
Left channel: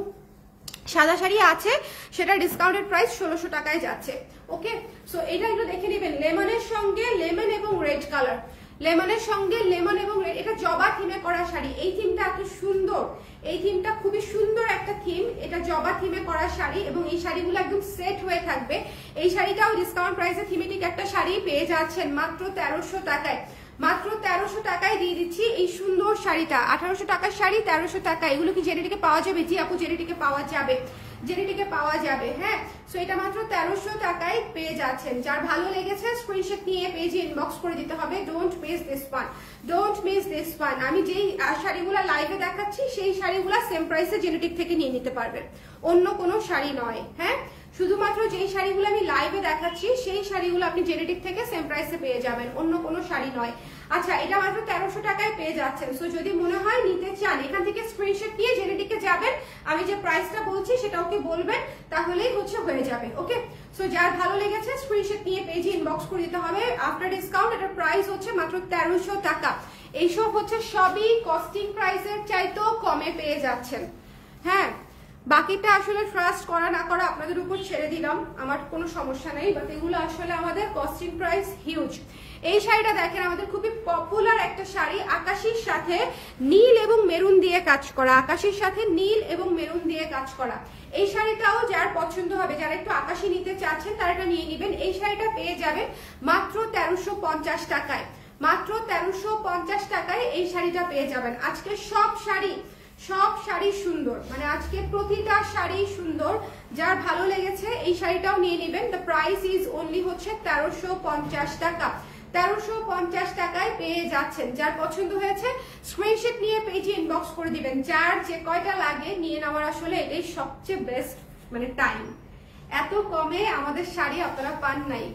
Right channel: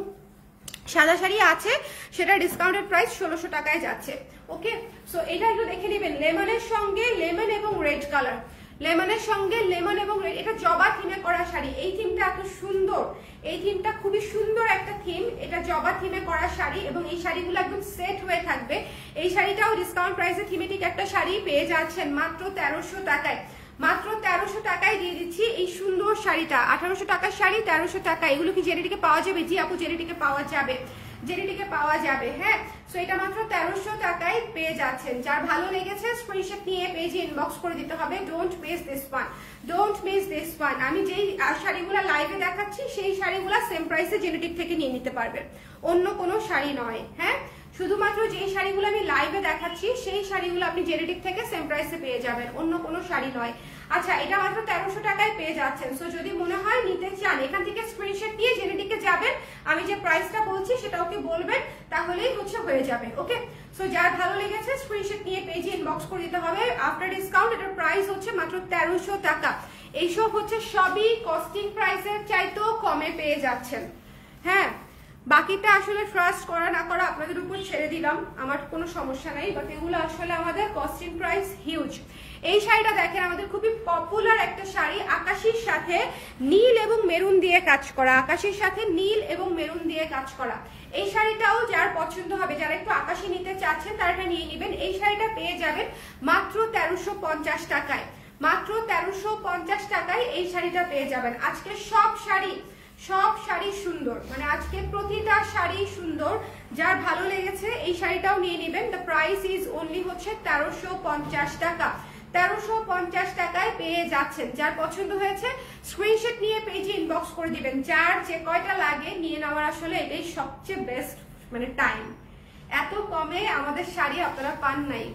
সাদা শাড়ি আছে, সেটা ডিসকাউন্টেড প্রাইস 1600 টাকায় যাচ্ছে। ওকে, সো এটা একটু দেখে নেবেন, লেমনের সঙ্গে লেমন এবং রেড কালার, লেমনের সঙ্গে লেমন এবং রেড, এটা জবা থিমে করা শাড়ি। এই থিমটা এত সুন্দর, এই থিমটা খুবই সুন্দর একটা থিম, এটা জবা থিমে করা শাড়ি এবং এই শাড়িগুলো একদম সেট হয়ে থাকবে। এই শাড়িটাও ডিসকাউন্ট প্রাইসে থিমেটিক একটা শাড়ি পেয়ে যাচ্ছেন মাত্র 1300 টাকায়, মাত্র 1300 টাকায় দিয়ে দিচ্ছি এই সুন্দর শাড়িটা। 1800 টাকার শাড়ি 1300 টাকা। এগুলো কি জেরিটিকে পাওয়া যাবে? জি আপু, জেরিটিকে পাওয়া যাবে, জেরিটিকে পাওয়া যাবে। হ্যাঁ, সো এটা মাত্র 1300 টাকায় পেয়ে যাচ্ছেন। যার ভালো লেগেছে স্ক্রিনশট নিয়ে পেজে ইনবক্স করে দিতে হবে। Don't miss this one, don't miss this one. আমি যেই শাড়িগুলো লাইভে দেখাচ্ছি সেই শাড়িগুলো সেম প্রাইসে জেরিটিক থেকে নিয়ে নিতে পারবেন, অন্য কোনো শাড়ি নয়। হ্যাঁ, শুধুমাত্র যেই শাড়িগুলো আমি লাইভে দেখাচ্ছি সেই শাড়িগুলো আপনি জেরিটিক থেকে সেম প্রাইসে পেয়ে যাবেন, অন্য কোনো শাড়ি নয়। আচ্ছা, এটা মাত্র 1300 টাকায় পেয়ে যাচ্ছেন। সো যদি মনে হয় নিতে চান, এখান থেকে স্ক্রিনশট নিয়ে জেরিটিকে যাবেন, আমি যে প্রাইসটা বলছি সেটা ওকে বলবেন, তাহলেই হচ্ছে হয়ে যাবে। ওকে, সো যার ভালো লেগেছে স্ক্রিনশট নিয়ে পেজে ইনবক্স করে দিতে হবে। আফটার ডিসকাউন্ট এটার প্রাইস হচ্ছে মাত্র 1300 টাকা। এইসব হচ্ছে সবই কস্টিং প্রাইসের চাইতেও কমে পেয়ে যাচ্ছেন। হ্যাঁ, বাকিটা আসলে ট্রাস্ট করা না করা আপনাদের উপর ছেড়ে দিলাম, আমার কোনো সমস্যা নাই, বাট এগুলো আসলে আমাদের কস্টিং প্রাইস হিউজ। এই শাড়িটা দেখেন, আমাদের খুবই পপুলার একটা শাড়ি, আকাশির সাথে নীল এবং মেরুন দিয়ে কাজ করা, আকাশির সাথে নীল এবং মেরুন দিয়ে কাজ করা। এই শাড়িটাও যার পছন্দ হবে, যারা একটু আকাশি নিতে চাচ্ছেন তারা এটা নিয়ে নেবেন। এই শাড়িটা পেয়ে যাবেন মাত্র 1350 টাকায়, মাত্র 1350 টাকায় এই শাড়িটা পেয়ে যাবেন। আজকে সব শাড়ি সুন্দর, মানে আজকে প্রতিটা শাড়ি সুন্দর। যার ভালো লেগেছে এই শাড়িটাও নিয়ে নেবেন। দ্য প্রাইস ইজ অনলি হচ্ছে 1350 টাকা, 1350 টাকায় পেয়ে যাচ্ছেন। যার পছন্দ হয়েছে স্ক্রিনশট নিয়ে পেজে ইনবক্স করে দিবেন। যার যে কয়টা লাগে নিয়ে নেওয়ার আসলে এটাই সবচেয়ে বেস্ট মানে টাইম। এত কমে আমাদের শাড়ি আপনারা পান নাই।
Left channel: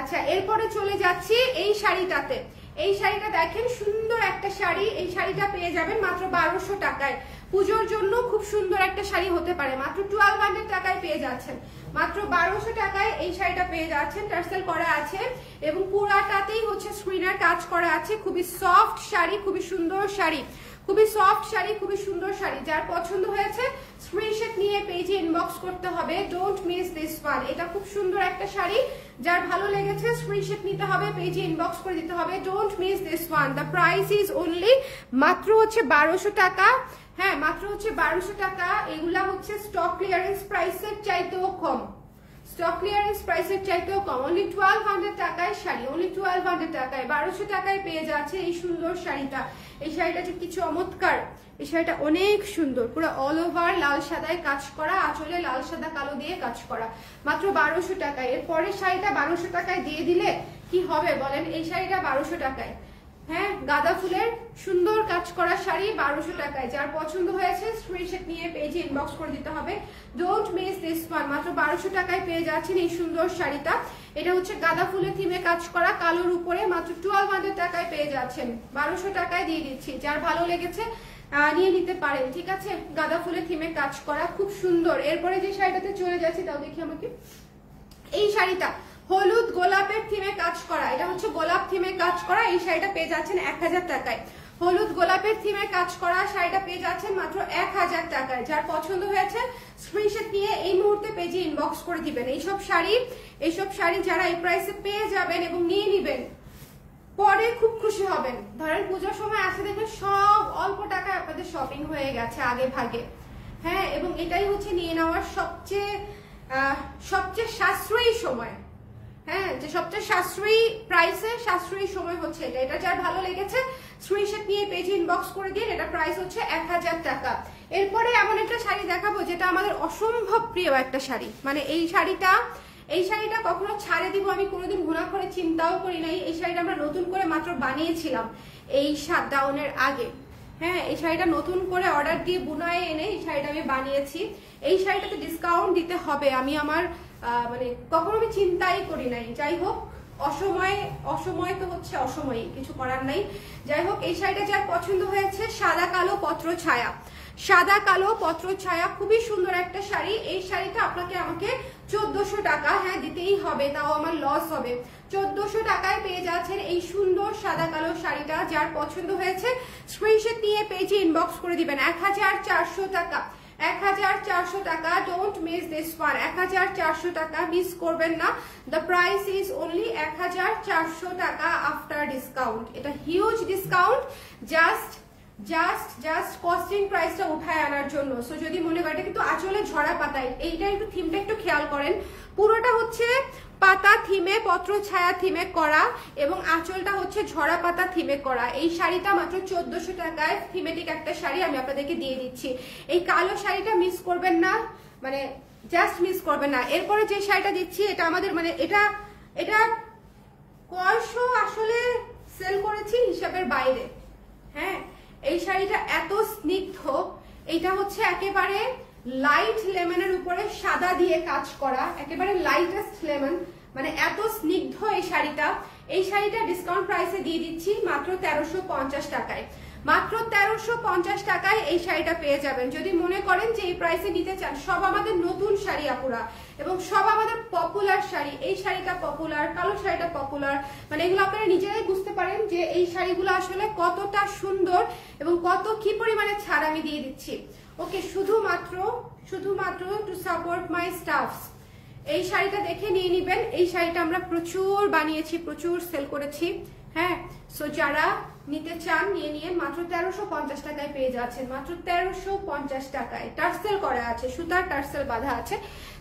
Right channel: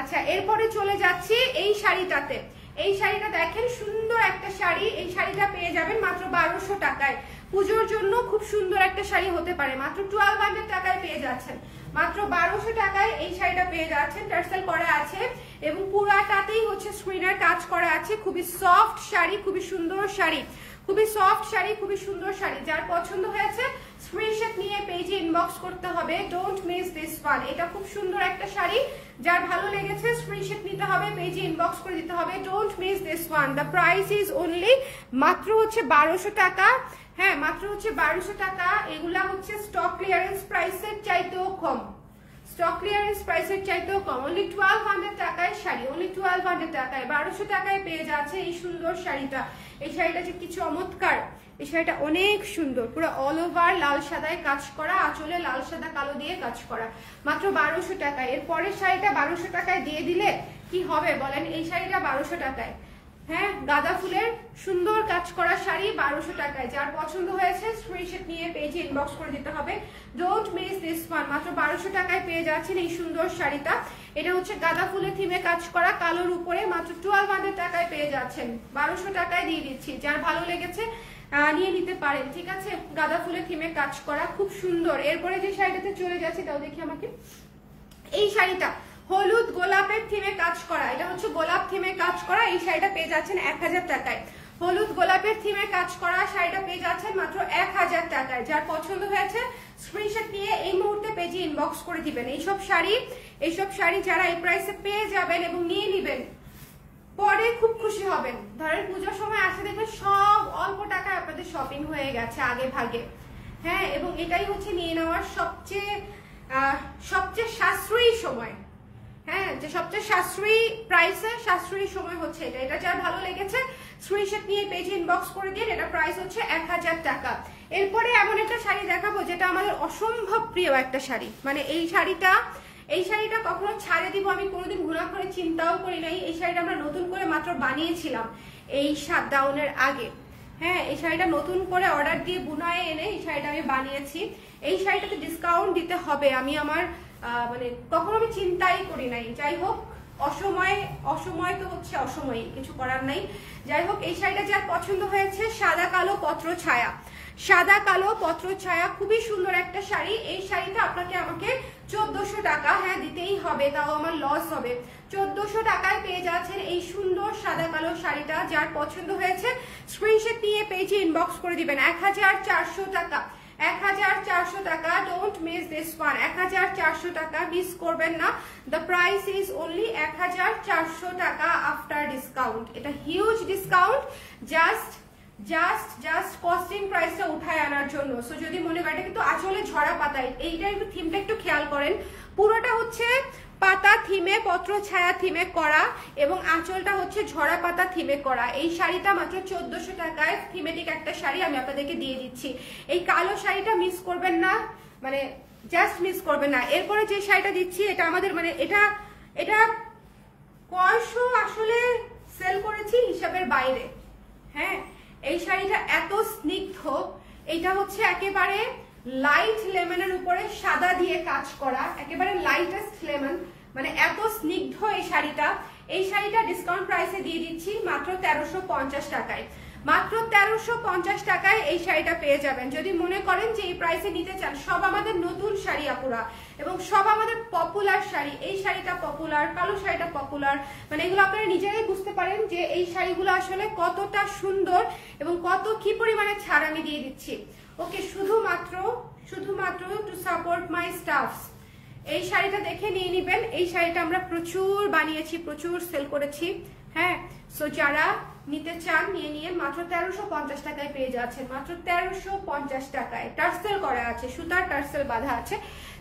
আচ্ছা, এরপরে চলে যাচ্ছি এই শাড়িটাতে। এই শাড়িটা দেখেন, সুন্দর একটা শাড়ি। এই শাড়িটা পেয়ে যাবেন মাত্র 1200 টাকায়। পুজোর জন্য খুব সুন্দর একটা শাড়ি হতে পারে, মাত্র 1200 টাকায় পেয়ে যাচ্ছেন, মাত্র 1200 টাকায় এই শাড়িটা পেয়ে যাচ্ছেন। টার্সেল করা আছে এবং পুরাটাতেই হচ্ছে স্ক্রিনের কাজ করা আছে। খুবই সফট শাড়ি, খুবই সুন্দর শাড়ি, খুবই সফট শাড়ি, খুবই সুন্দর শাড়ি। যার পছন্দ হয়েছে স্ক্রিনশট নিয়ে পেজে ইনবক্স করতে হবে। Don't miss this one. এটা খুব সুন্দর একটা শাড়ি, যার ভালো লেগেছে স্ক্রিনশট নিতে হবে, পেজে ইনবক্স করে দিতে হবে। Don't miss this one. The price is only মাত্র হচ্ছে 1200 টাকা। হ্যাঁ, মাত্র হচ্ছে 1200 টাকা। এগুলা হচ্ছে স্টক ক্লিয়ারেন্স প্রাইসের চাইতেও কম, স্টক ক্লিয়ারেন্স প্রাইসের চাইতেও কম। অনলি 1200 টাকায় শাড়ি, অনলি 1200 টাকায় 1200 টাকায় পেয়ে যাচ্ছে এই সুন্দর শাড়িটা। এই শাড়িটা যে কি চমৎকার, এই শাড়িটা অনেক সুন্দর, পুরো অল ওভার লাল সাদায় কাজ করা, আঁচলে লাল সাদা কালো দিয়ে কাজ করা, মাত্র 1200 টাকায়। এর পরের শাড়িটা 1200 টাকায় দিয়ে দিলে কি হবে বলেন? এই শাড়িটা 1200 টাকায়। হ্যাঁ, গাঁদা ফুলের সুন্দর কাজ করা শাড়ি 1200 টাকায়। যার পছন্দ হয়েছে স্ক্রিনশট নিয়ে পেজে ইনবক্স করে দিতে হবে। Don't miss this one. মাত্র 1200 টাকায় পেয়ে যাচ্ছেন এই সুন্দর শাড়িটা। এটা হচ্ছে গাঁদা ফুলের থিমে কাজ করা, কালোর উপরে, মাত্র 1200 টাকায় পেয়ে যাচ্ছেন। 1200 টাকায় দিয়ে দিচ্ছি। যার ভালো লেগেছে নিয়ে নিতে পারেন, ঠিক আছে? গাঁদা ফুলের থিমে কাজ করা, খুব সুন্দর। এরপরে যে শাড়িটাতে চলে যাচ্ছি তাও দেখি আমাকে। এই শাড়িটা হলুদ গোলাপের থিমে কাজ করা, এটা হচ্ছে গোলাপ থিমে কাজ করা। এই শাড়িটা পেয়ে যাচ্ছেন 1000 টাকায়। হলুদ গোলাপের থিমে কাজ করা শাড়িটা পেয়ে যাচ্ছেন মাত্র 1000 টাকায়। যার পছন্দ হয়েছে স্ক্রিনশট নিয়ে এই মুহূর্তে পেজে ইনবক্স করে দিবেন। এইসব শাড়ি যারা এই প্রাইসে পেয়ে যাবেন এবং নিয়ে নিবেন, পরে খুব খুশি হবেন। ধরেন পুজোর সময় আসে দেখবেন সব অল্প টাকায় আপনাদের শপিং হয়ে গেছে আগে ভাগে। হ্যাঁ, এবং এটাই হচ্ছে নিয়ে নেওয়ার সবচেয়ে সাশ্রয়ী সময়। হ্যাঁ, যে সবচেয়ে সাশ্রয়ী প্রাইসে সাশ্রয়ী সময় হচ্ছে এটা। এটা যার ভালো লেগেছে স্ক্রিনশট নিয়ে পেজে ইনবক্স করে দিন। এটা প্রাইস হচ্ছে 1000 টাকা। এরপরে এমন একটা শাড়ি দেখাবো যেটা আমাদের অসম্ভব প্রিয় একটা শাড়ি। মানে এই শাড়িটা কখনো ছাড়ে দিব আমি কোনোদিন ঘোরা করে চিন্তাও করি নাই। এই শাড়িটা আমরা নতুন করে মাত্র বানিয়েছিলাম এই শাটডাউনের আগে। হ্যাঁ, এই শাড়িটা নতুন করে অর্ডার দিয়ে বুনায় এনে এই শাড়িটা আমি বানিয়েছি। এই শাড়িটাতে ডিসকাউন্ট দিতে হবে আমি আমার মানে কখনো আমি চিন্তাই করি নাই। যাই হোক, অসময় তো হচ্ছে অসময়, কিছু করার নাই। যাই হোক, এই শাড়িটা যার পছন্দ হয়েছে, সাদা কালো পত্র ছায়া, সাদা কালো পত্র ছায়া, খুবই সুন্দর একটা শাড়ি। এই শাড়িটা আমাকে 1400 টাকা, হ্যাঁ দিতেই হবে, তাও আমার লস হবে। 1400 টাকায় পেয়ে যাচ্ছেন এই সুন্দর সাদা কালো শাড়িটা। যার পছন্দ হয়েছে স্ক্রিনশট নিয়ে পেজে ইনবক্স করে দিবেন। 1400 টাকা, 1400 টাকা, ডোন্ট মিস দিস ওয়ান। 1400 টাকা মিস করবেন না। দ্য প্রাইস ইজ অনলি 1400 টাকা আফটার ডিসকাউন্ট। এটা হিউজ ডিসকাউন্ট, জাস্ট কস্টিং প্রাইসটা উঠায় আনার জন্য। সো যদি মনে করেন, কিন্তু আসলে ঝরা পাতায়, এইটার একটু থিমটা একটু খেয়াল করেন, পুরোটা হচ্ছে পাতা থিমে, পত্র ছায়া থিমে করা, এবং আঁচলটা হচ্ছে ঝরা পাতা থিমে করা। এই শাড়িটা মাত্র 1400 টাকায় থিমেটিক একটা শাড়ি আমি আপনাদেরকে দিয়ে দিচ্ছি। এই কালো শাড়িটা মিস করবেন না, মানে জাস্ট মিস করবেন না। এরপরে যে শাড়িটা দিচ্ছি, এটা আমাদের মানে এটা কয়শো আসলে সেল করেছি হিসাবের বাইরে। হ্যাঁ, এই শাড়িটা এত স্নিগ্ধ, এটা হচ্ছে একেবারে লাইট লেমনের উপরে সাদা দিয়ে কাজ করা, একেবারে লাইটেস্ট লেমন, মানে এত স্নিগ্ধ এই শাড়িটা। এই শাড়িটা ডিসকাউন্ট প্রাইসে দিয়ে দিচ্ছি মাত্র 1350 টাকায়। মাত্র 1350 টাকায় এই শাড়িটা পেয়ে যাবেন। যদি মনে করেন যে এই প্রাইসে নিতে চান, সব আমাদের নতুন শাড়ি আপুরা, এবং সব আমাদের পপুলার শাড়ি। এই শাড়িটা পপুলার, কালো শাড়িটা পপুলার, মানে এগুলো আপনারা নিজেরাই বুঝতে পারেন যে এই শাড়িগুলো আসলে কতটা সুন্দর এবং কি পরিমাণে ছাড় আমি দিয়ে দিচ্ছি। ওকে, শুধুমাত্র টু সাপোর্ট মাই স্টাফস এই শাড়িটা দেখে নিয়ে নিবেন। এই শাড়িটা আমরা প্রচুর বানিয়েছি, প্রচুর সেল করেছি। হ্যাঁ, সো যারা নিতে চান নিয়ে মাত্র 1350 টাকায় পেয়ে যাচ্ছেন। মাত্র 1350 টাকায় টার্সেল করা আছে, সুতার টার্সেল বাঁধা আছে,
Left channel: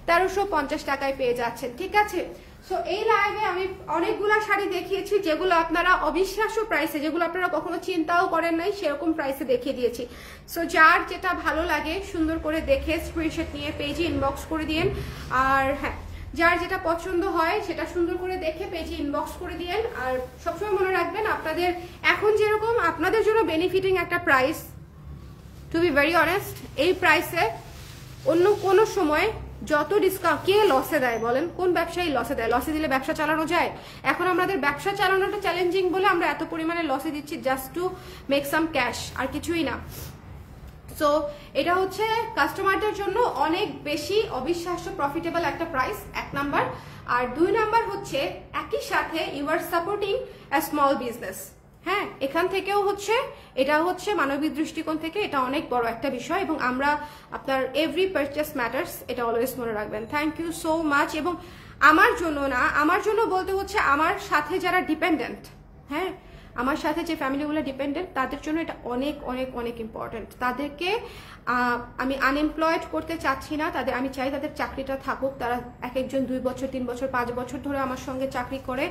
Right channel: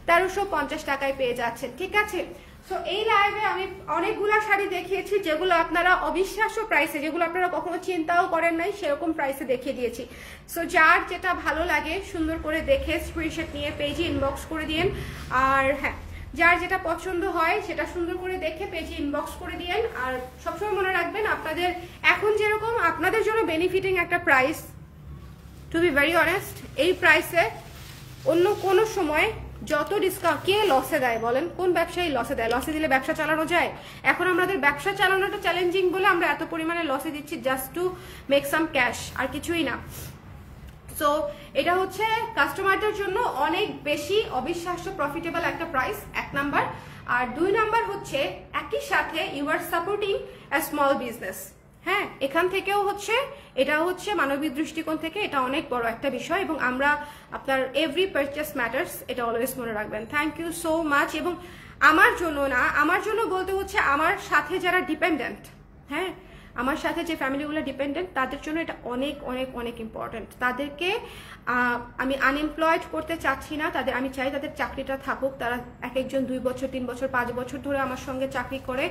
1350 টাকায় পেয়ে যাচ্ছেন। ঠিক আছে, সো এই লাইভে আমি অনেকগুলা শাড়ি দেখিয়েছি যেগুলো আপনারা অবিশ্বাস্য প্রাইসে, যেগুলো আপনারা কখনো চিন্তাও করেন নাই, সেরকম প্রাইসে দেখিয়ে দিয়েছি। সো যার যেটা ভালো লাগে সুন্দর করে দেখে স্ক্রিনশট নিয়ে পেজে ইনবক্স করে দিয়েন। আর হ্যাঁ, যার যেটা পছন্দ হয় সেটা সুন্দর করে দেখে পেজে ইনবক্স করে দিয়েন। আর সবসময় মনে রাখবেন, আপনাদের এখন যেরকম আপনাদের জন্য বেনিফিটিং একটা price, to be very honest, এই প্রাইসে অন্য কোনো সময় যত ডিসকাউন্ট, কে লসে দেয় বলেন? কোন ব্যবসায়ী লসে দেয়? লসে দিলে ব্যবসা চালানো যায়? এখন আমাদের ব্যবসা চালানোটা চ্যালেঞ্জিং বলে আমরা এত পরিমাণে লসে দিচ্ছি, just to make some cash, আর কিছুই না। সো এটা হচ্ছে কাস্টমারদের জন্য অনেক বেশি অবিশ্বাস্য প্রফিটেবল একটা প্রাইস, 1 নাম্বার। আর 2 নাম্বার হচ্ছে একই সাথে you are supporting a small business. হ্যাঁ, এখান থেকেও হচ্ছে, এটা হচ্ছে মানবিক দৃষ্টিকোণ থেকে এটা অনেক বড় একটা বিষয়, এবং আমরা আপনার এভরি পারচেস ম্যাটার্স, এটা অলওয়েজ মনে রাখবেন। Thank you so much. এবং আমার জন্য না, আমার জন্য বলতে হচ্ছে আমার সাথে যারা ডিপেন্ডেন্ট, হ্যাঁ আমার সাথে যে ফ্যামিলিগুলো ডিপেন্ডেন্ট, তাদের জন্য এটা অনেক অনেক অনেক ইম্পর্টেন্ট। তাদেরকে আমি আনএমপ্লয়েড করতে চাচ্ছি না, আমি চাই তাদের চাকরিটা থাকুক। তারা এক একজন 2 বছর 3 বছর 5 বছর ধরে আমার সঙ্গে চাকরি করে,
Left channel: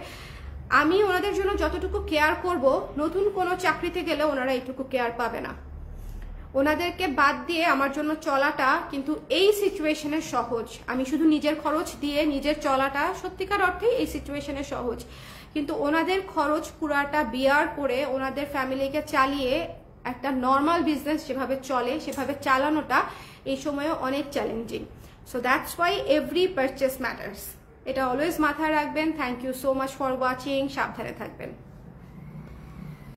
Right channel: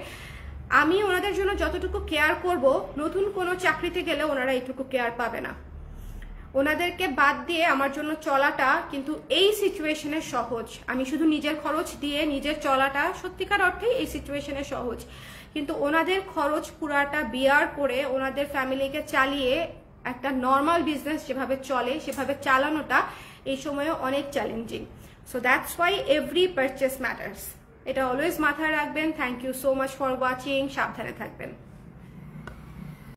আমি ওনাদের জন্য যতটুকু কেয়ার করব, নতুন কোনো চাকরিতে গেলে ওনারা এইটুকু কেয়ার পাবে না। ওনাদেরকে বাদ দিয়ে আমার জন্য চলাটা কিন্তু এই সিচুয়েশনে সহজ। আমি শুধু নিজের খরচ দিয়ে নিজের চলাটা সত্যিকার অর্থেই এই সিচুয়েশনে সহজ, কিন্তু ওনাদের খরচ পুরাটা বিয়ার করে ওনাদের ফ্যামিলিকে চালিয়ে একটা নর্মাল বিজনেস যেভাবে চলে সেভাবে চালানোটা এই সময়ে অনেক challenging. So that's why every purchase matters, এটা অলওয়েজ মাথায় রাখবেন। Thank you so much for watching, সাবধানে থাকবেন।